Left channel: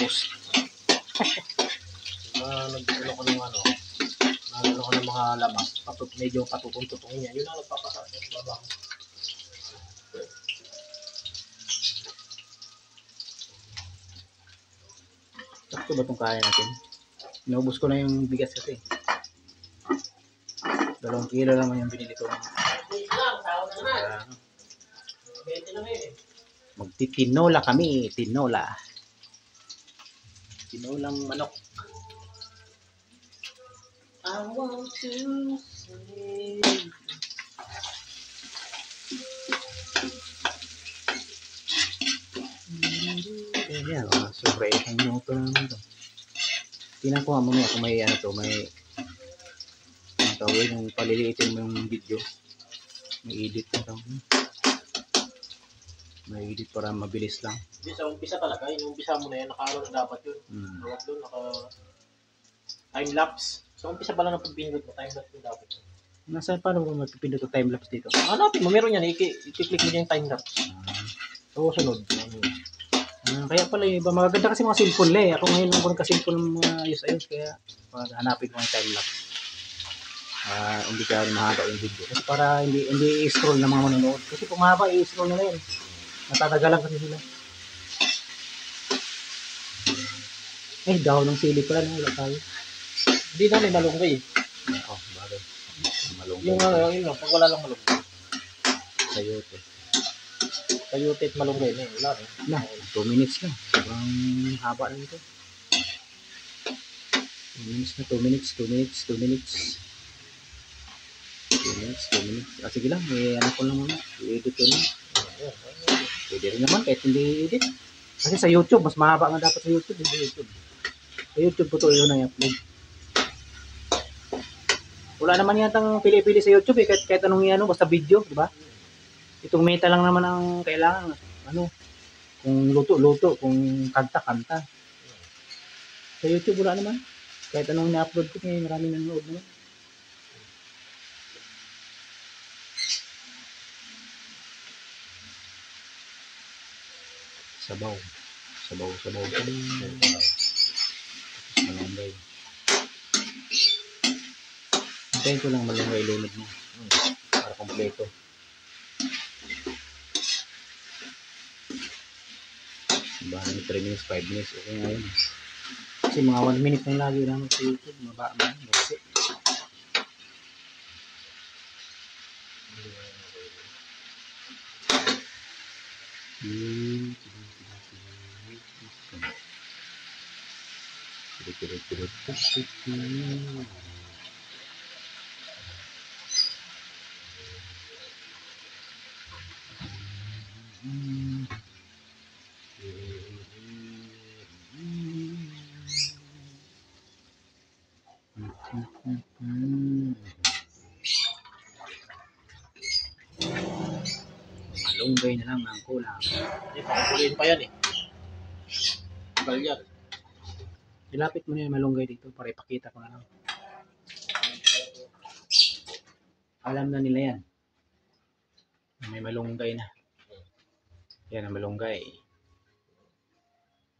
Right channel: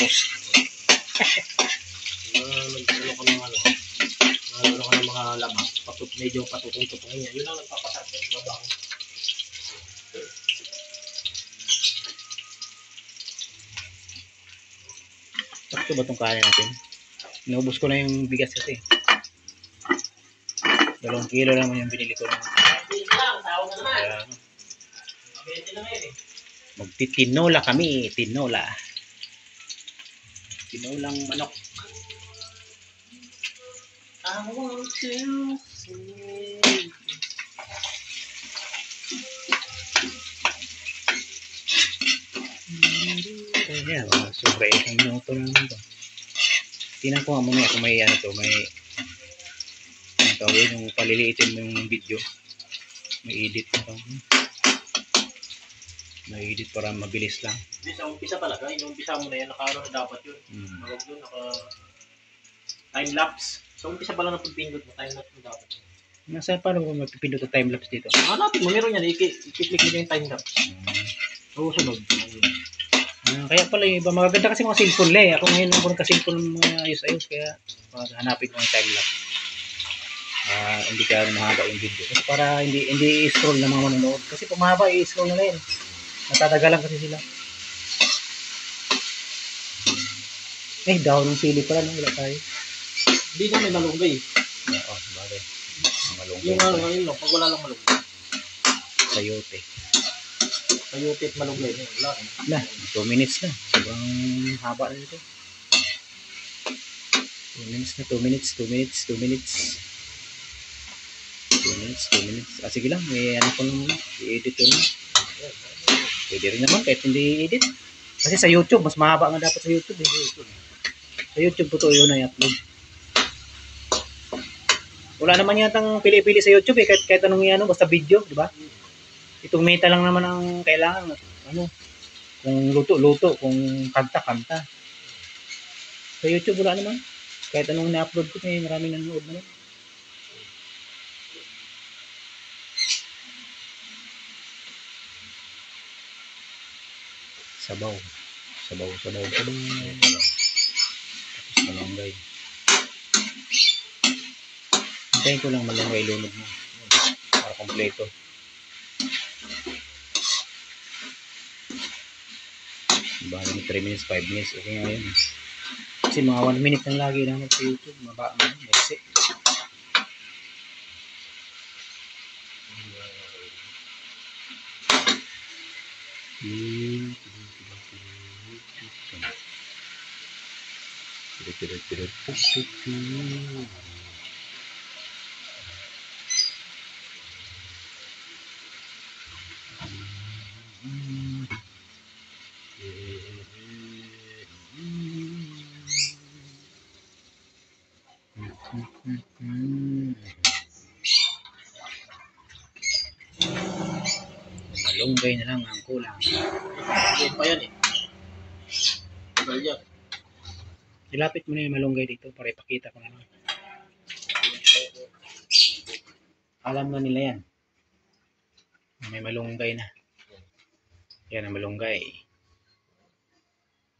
post. Nagsulo ko ng ano, nalalo ko ng mga labas, medyo patutong-tutungin niya. Yun ang nagpapasarap ng babang. Sakto ba itong kanin natin? Inaubos ko na yung bigas kasi. 2 kilo naman yung binili ko. Magtitinola kami, tinola. Tinolang manok. I want to see. Ayan, sobra isang minuto na naman ito. Tingnan ko nga mamaya kung may ano to, may tawag yung paliliitin mo yung video. May edit na to. May edit para mabilis lang. Hindi, sa umpisa talaga. Yung umpisa mo na yan, naka-ano na dapat yun. Tawag doon, time-lapse. Sa umpisa pa lang ng pagpindot mo, time-lapse mo dapat yun. Nasa paano mo magpipindot ang time-lapse dito? Hanapin mo, meron yan. I-click mo yung time-lapse. So, sunod. Kaya pala yung iba, magaganda kasi mga cellphone lang eh. Ako ngayon lang ko nagka-cellphone ng mga ayos-ayos, kaya hanapin ko ang time-lapse. Hindi ka mahaba yung video. Kasi para hindi i-scroll ng mga manonood. Kasi pag mahaba, i-scroll na yun. Natatagalan kasi sila. Dahon ng sili pala, no? Wala tayo. Hindi na may malunggay. Bagay. Malunggay. Yung pag wala lang malunggay. Sayote. Sayote at malunggay. Wala rin. 2 minutes na. Sobrang haba na nito. 2 minutes na. 2 minutes. 2 minutes. 2 minutes. 2 minutes. 2 minutes. Sige lang. May ano ko lang muna. I-edit ko lang. Pwede rin naman kahit hindi i-edit. Kasi sa YouTube, mas mahaba nga dapat sa YouTube. Sa YouTube po ito yun na i-upload. Wala naman yatang pili-pili sa YouTube eh. Kahit anong i-ano, basta video, di ba? Itong meta lang naman ang kailangan. Ano? Kung luto-luto, kung kanta-kanta. Sa YouTube wala naman. Kahit anong na-upload ko, may maraming nanonood naman. Sabaw. Tapos malunggay. Hintayin ko lang malunggay lunod mo. Para kompleto. Bali na 3 minutes, 5 minutes. Okay nga yun. Kasi mga 1 minute lang lagi naman sa YouTube. Maba mo. Merci. Malunggay na lang ang kulang. Malunggay pa yan eh. Tagal yan. Ilapit mo na yung malunggay dito para ipakita ko na lang. Alam na nila yan. May malunggay na. Yan ang malunggay.